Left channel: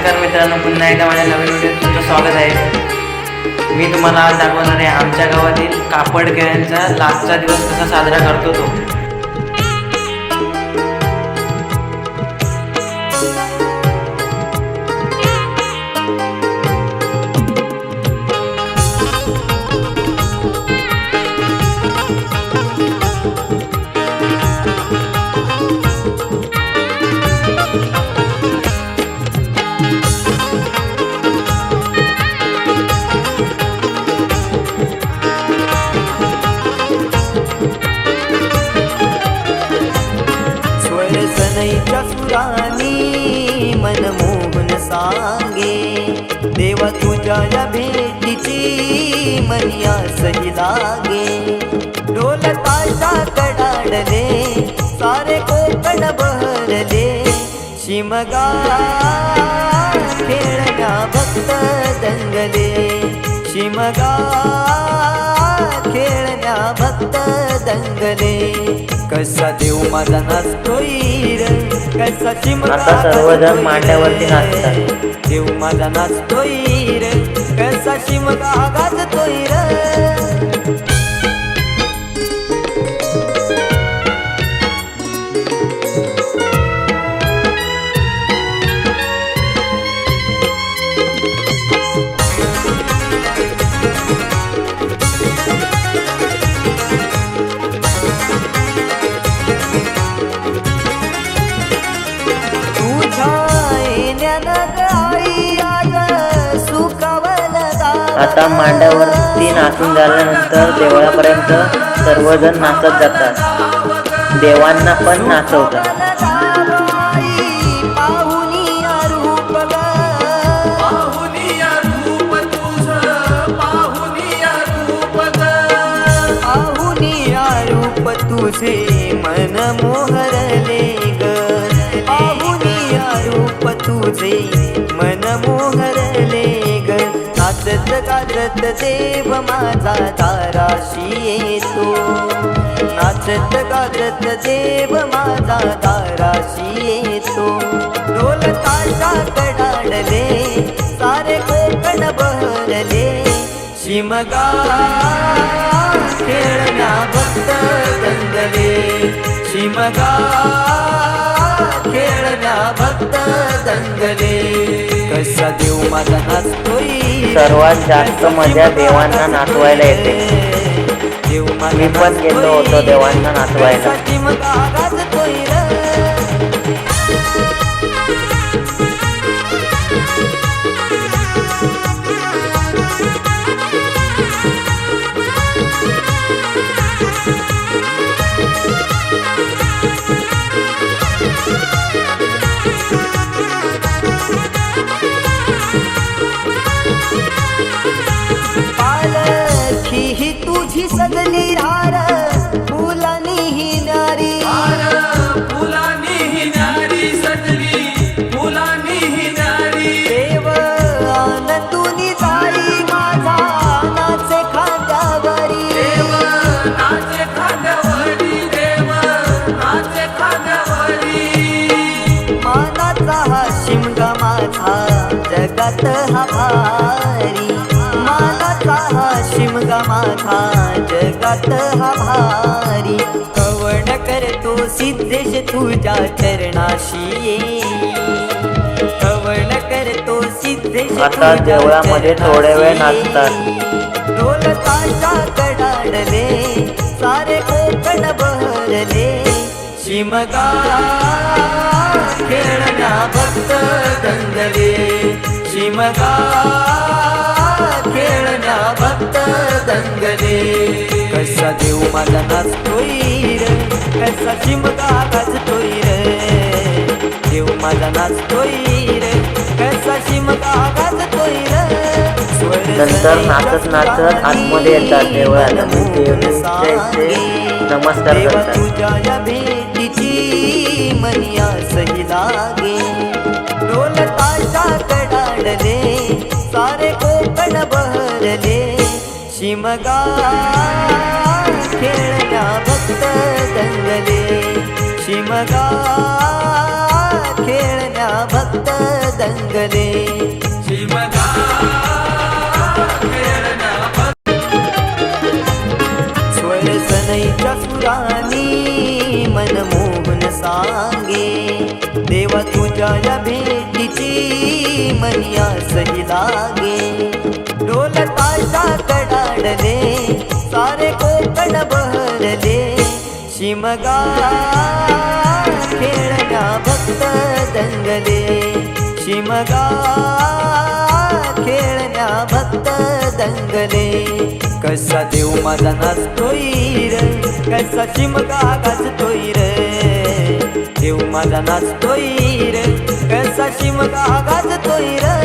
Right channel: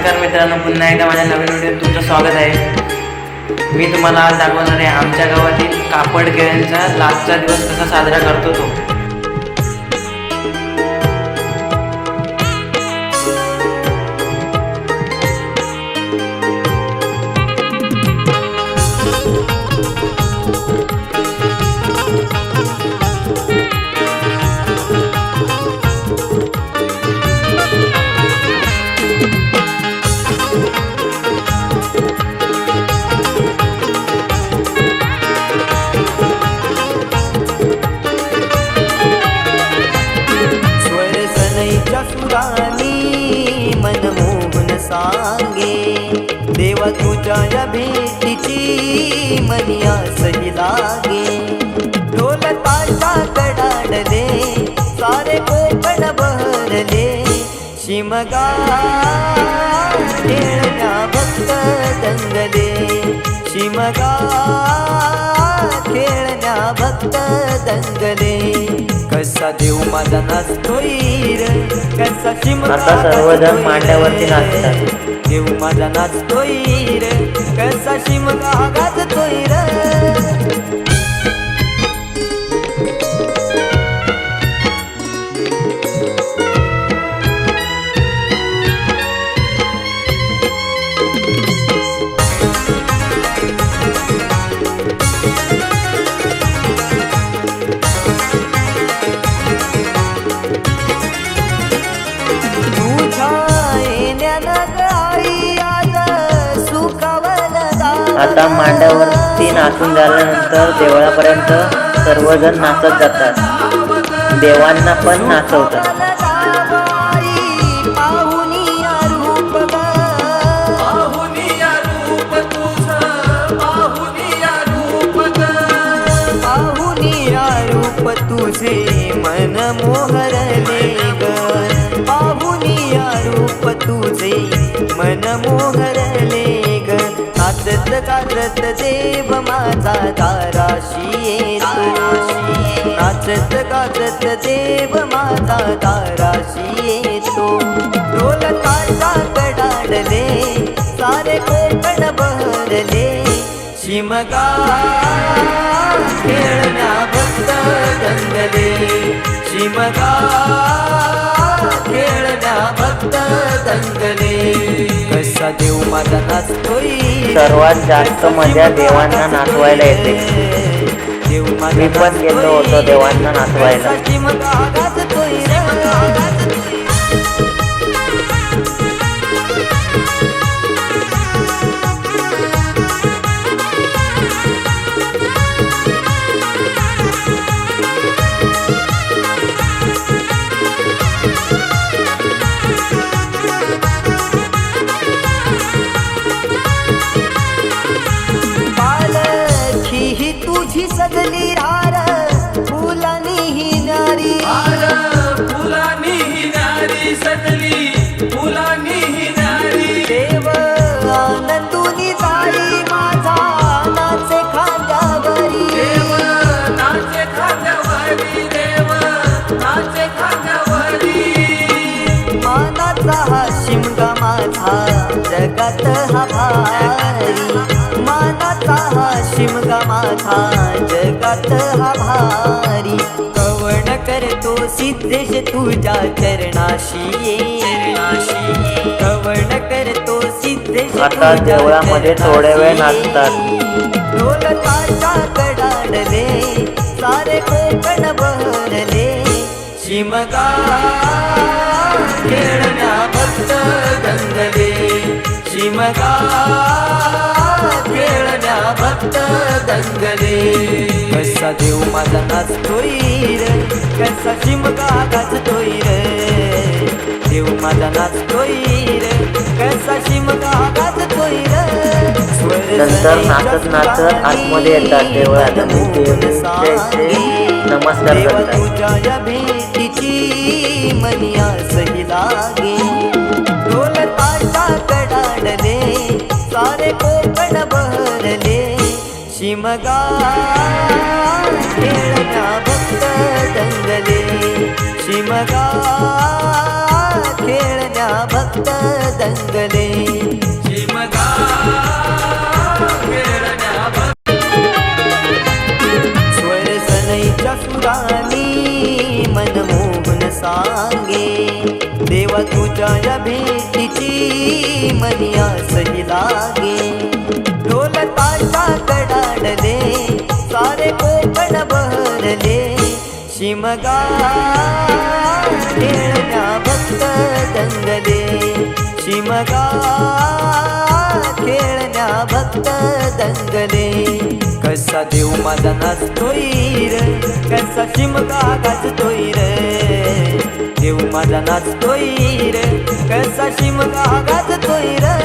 नमस्कार मित्रांनो, पुन्हा एकदा माझ्या नवीन व्हिडिओत तुमचं स्वागत आहे। मी तुम्हाला आज दाखवणार आहे आमच्या गावातील कापड खेळांचा लास्टचा दिवस कसा साजरा करतो तो। सनईच्या सुरानी मनमोहन सांगे, देवा तुझ्या या भेटीची मनी आसही लागे। ढोल ताशा कडाडले सारे कोकण बहरले, शिमगा खेळण्या भक्त दंगले, शिमगा खेळण्या भक्त दंगले। कसा देव माझा नाचतोय रे, कसा शिमगा आता सर्वजण मांड्यावरती नाचतात। देव माझा नाचतोय रे, कसा शिमगा गाजतोय रे। आता मांड्यावरती नाचून झाल्यानंतर देवळापर्यंत सर्वजण नाचत जातात, देवांना पण नाचवतात। रूप तुझे मन मोहरले ग, पाहुनिया रूप तुझे मन मोहरले ग। नाचत गाजत देव माझा दाराशी येतो, नाचत गाजत देव माझा दाराशी येतो। ढोल ताशा कडाडले सारे कोकण बहरले, शिमगा खेळण्या भक्त दंगले, शिमगा खेळण्या भक्त दंगले। कसा देव माझा नाचतोय, सर्वात जास्त मजा देवांना नाचवायला येते। देव मी पण गेलो होतो देवांना नाचवायला। शिमगा गाजतोय रे। ही तुझी सजली रार फुलानी ही नारी, फुलानी ही नारी सजली, फुलानी ही नारी। देव आनंदुनी जाई माझा नाचे खांद्यावरी, देव नाचे खांद्यावरी, देव नाचे खांद्यावरी। मानाचा हा शिमगा माझा जगात हा भारी, मानाचा हा शिमगा माझा जगात हा भारी। कवण करतो सिद्धेश तुझ्या चरणाशी ये, कवण करतो सिद्धेश आता देवळामध्ये थोडे वेळ नाचतात। ढोल ताशा कडाडले सारे कोकण बहरले, शिमगा खेळण्या भक्त दंगले, शिमगा खेळण्या भक्त दंगले। कसा देव माझा नाचतोय रे, कसा शिमगा गाजतोय रे। देव माझा नाचतोय रे, कसा शिमगा गाजतोय रे। नंतर नाचत नाचत आतमध्ये येतात देवळात आणि देवाचे नमस्कार करतात। तुझ्या या भेटीची मनी आसही लागे, ढोल ताशा कडाडले सारे कोकण बहरले, शिमगा खेळण्या भक्त दंगले, शिमगा खेळण्या भक्त दंगले. शिमगा खेळण्या भक्त स्वर सनईच्या सुरानी मनमोहन सांगे, देवा तुझ्या या भेटीची मनी आसही लागे. ढोल ताशा कडाडले सारे कोकण बहरले, शिमगा खेळण्या भक्त दंगले. शिमगा खेळण्या भक्त दंगले. कसा देव माझा नाचतोय र, कसा शिमगा गाजतोय र. देव माझा नाचतोय र, कसा शिमगा गाजतोय र.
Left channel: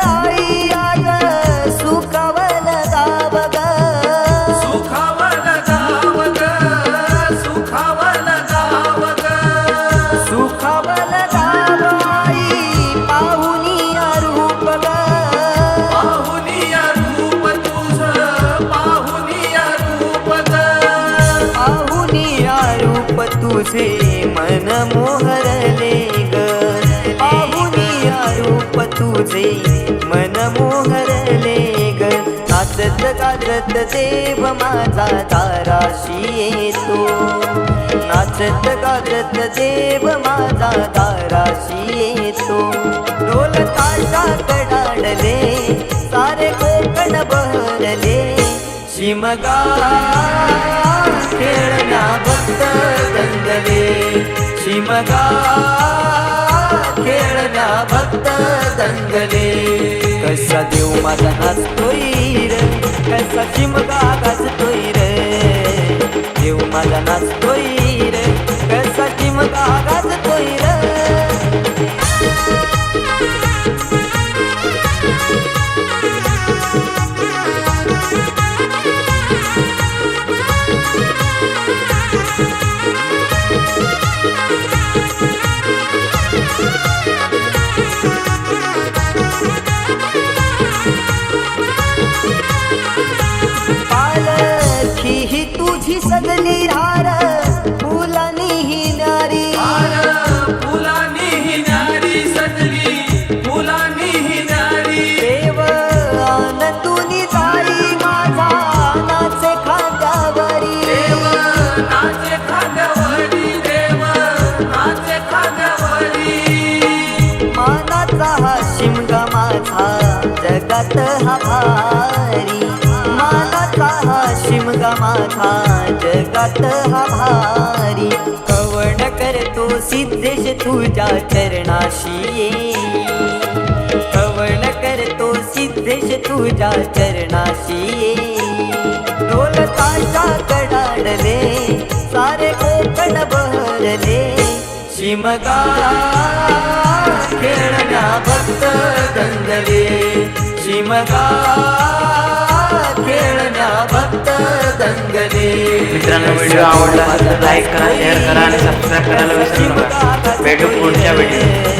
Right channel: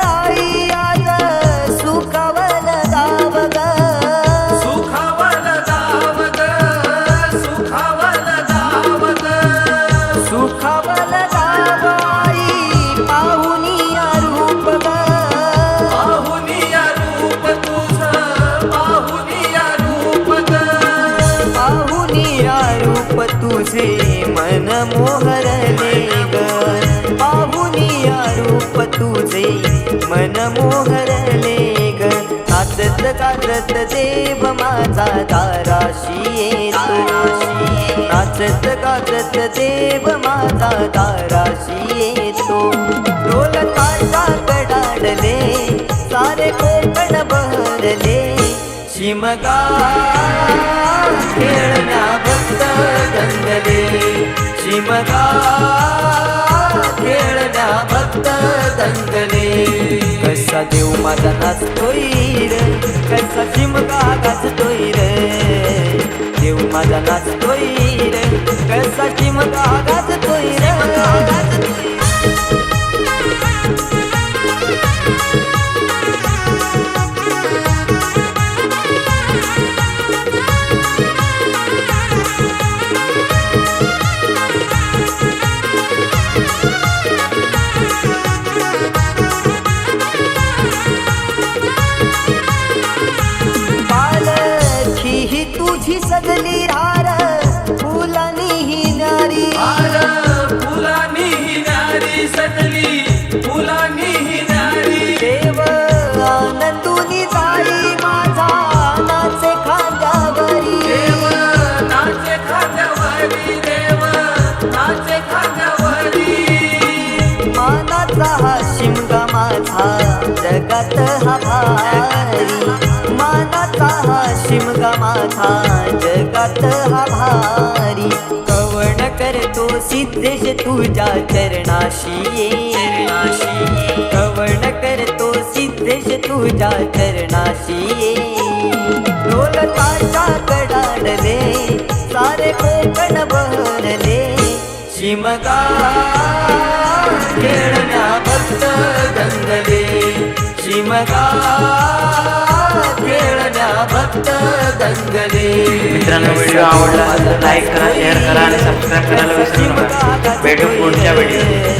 आई आज सुखावल गाव ग, सुखावल गाव ग, सुखावल गाव ग. सुखावल गाव आई पाहुनिया रूप ग. पाहुनिया रूप तुझं, पाहुनिया रूप ग. पाहुनिया रूप तुझे मन मोहरले ग. पाहुनिया रूप तुझे मन मोहरले ग. नाचत गाजत देव माझा दाराशी येतो, नाचत गाजत देव माझा दाराशी येतो. ढोल ताशा कडाडले सारे कोकण बहरले, शिमगा खेळण्या भक्त दंगले. शिमगा खेळण्या भक्त दंगले. कसा देव माझा नाचतोय र, कसा शिमगा गाजतोय र. देव माझा नाचतोय र, कसा शिमगा गाजतोय र. पालखी ही तुझी सजली रार, फुलानी ही नारी. हार फुलानी ही नारी सजली, फुलानी ही नारी. देव आनंदुनी जाई माझा नाचे खांद्यावरी. देव नाचे खांद्यावरी, देव नाचे खांद्यावरी. मानाचा हा शिमगा माझा जगात हा भारी. मानाचा हा शिमगा माझा जगात हा भारी. कवण करतो सिद्धेश तुझ्या चरणाशी ये, कवण करतो सिद्धेश तुझ्या चरणाशी ये. ढोल ताशा कडाडले सारे कोकण बहरले, शिमगा खेळण्या भक्त दंगले. शिमगा खेळण्या भक्त दंगले. मित्रांनो, व्हिडिओ आवडला तर लाईक करा, शेअर करा आणि सबस्क्राईब करायला विसरू नका. भेटू पुढच्या व्हिडिओ.